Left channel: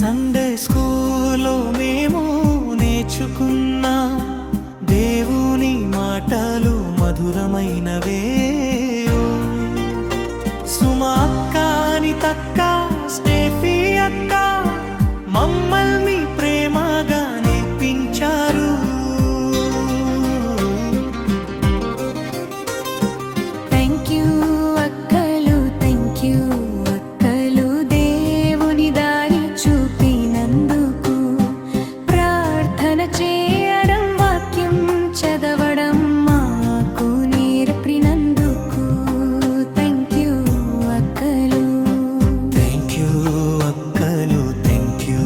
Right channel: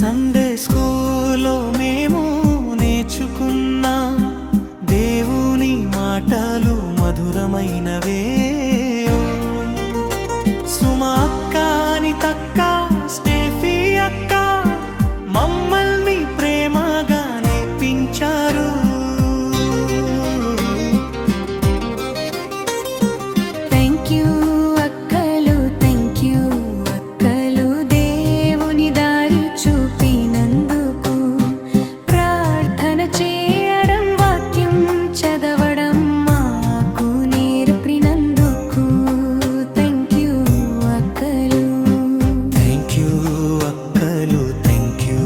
Sunday స్కూల్లో మేము నేర్చుకున్నాం దేవుని మాటలు మధురమైనవే. సుమా అక్క, అనితక్క, స్టేఫీ అక్క మమ్మల్ని ప్రేమగా నేర్పించారు. థ్యాంక్ యూ అక్కలు, థ్యాంక్ యూ అక్కలు, దేవుని దారి చూపినందుకు. ప్రార్థన చేయడం, వాక్యం చదవడం మాకు నేర్పినందుకు. థ్యాంక్ యూ అక్కలు. థ్యాంక్ యూ అక్కలు, థ్యాంక్ యూ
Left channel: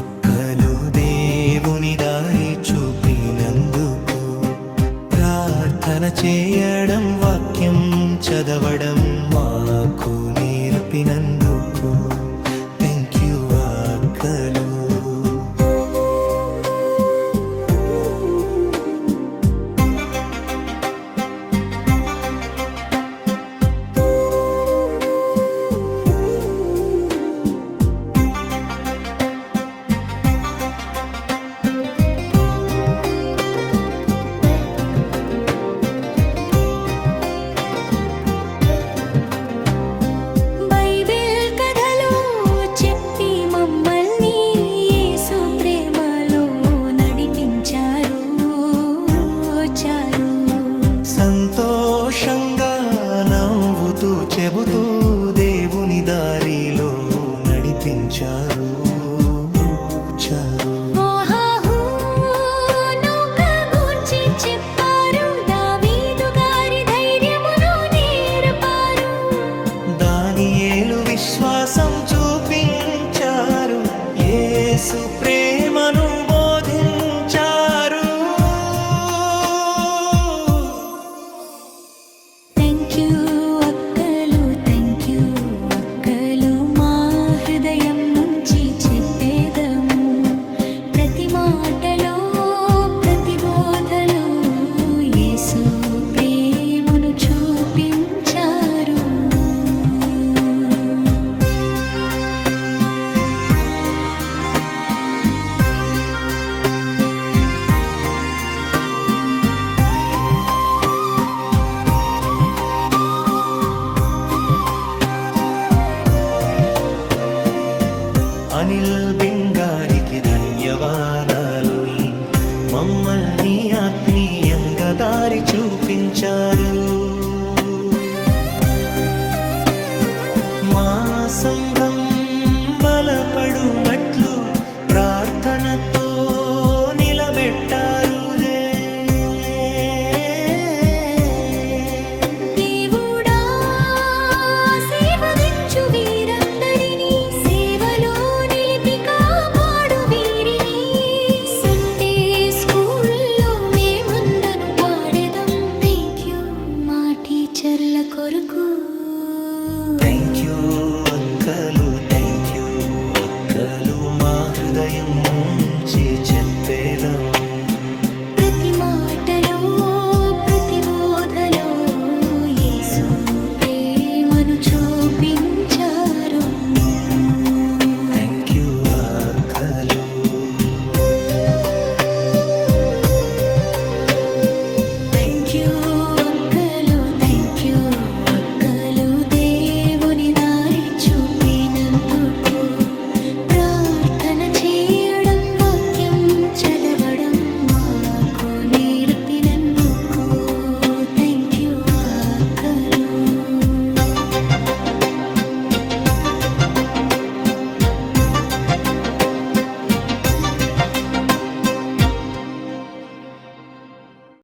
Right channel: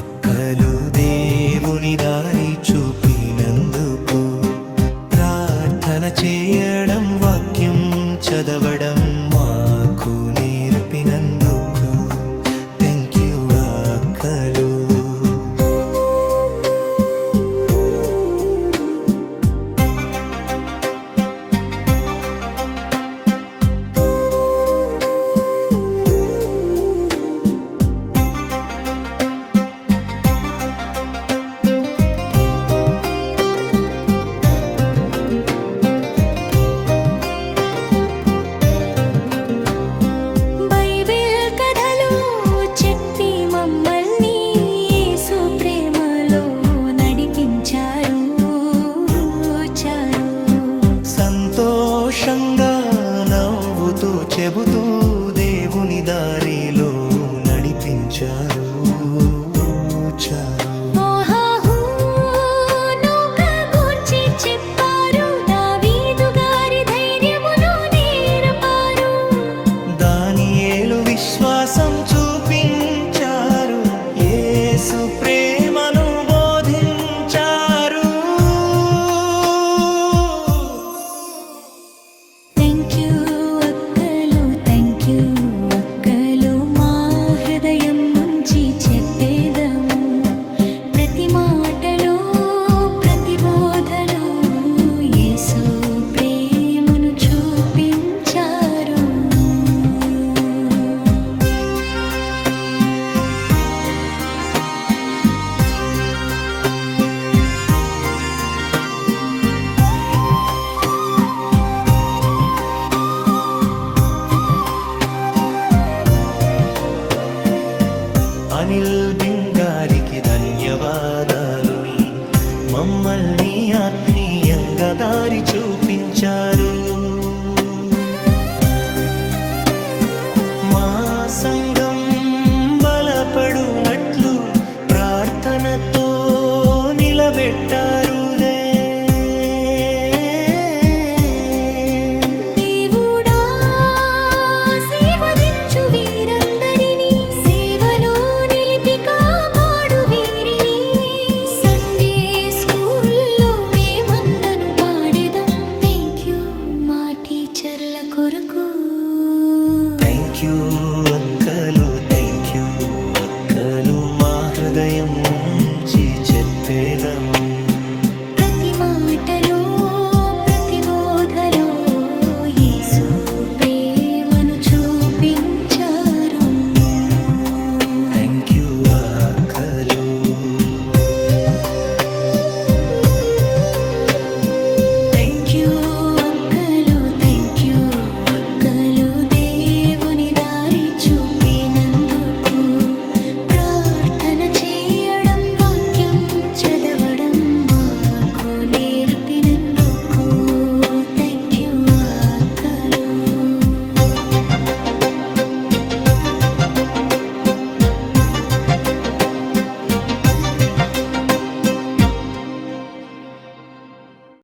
అక్కలు, దేవుని దారి చూపినందుకు. ప్రార్థన చేయడం, వాక్యం చదవడం మాకు నేర్పినందుకు. థ్యాంక్ యూ అక్కలు. సంతోషంగా నవ్వుతూ చెబుతూ దేవుని దారిలో నడిపించారు. దానియేలు విశ్వాసం చూపించారు, యేసు ప్రేమను బోధించారు. థ్యాంక్ యూ అక్కలు, థ్యాంక్ యూ అక్కలు, మా హృదయం నుంచి చెప్పేదము. ప్రతి మాటలో, ప్రతి బోధలో యేసు ప్రేమను చూపించారు. అనిల్ బింగారికి ధన్యవాదాలు. మమ్మల్ని ఆత్మీయంగా దారి చూపించారు. మా సంఘం బలపడునట్లు ప్రార్థనతో నిలబెట్టారు. టీచర్ల కొరకు థ్యాంక్ యూ అక్కలు, థ్యాంక్ యూ అక్కలు, మా హృదయం నుంచి చెప్పేదము. ప్రతి మాటలో, ప్రతి బోధలో యేసు ప్రేమను చూపించారు. థ్యాంక్ యూ అక్కలు. థ్యాంక్ యూ అక్కలు, థ్యాంక్ యూ అక్కలు, దేవుని దారి చూపినందుకు. ప్రార్థన చేయడం, వాక్యం చదవడం మాకు నేర్పినందుకు.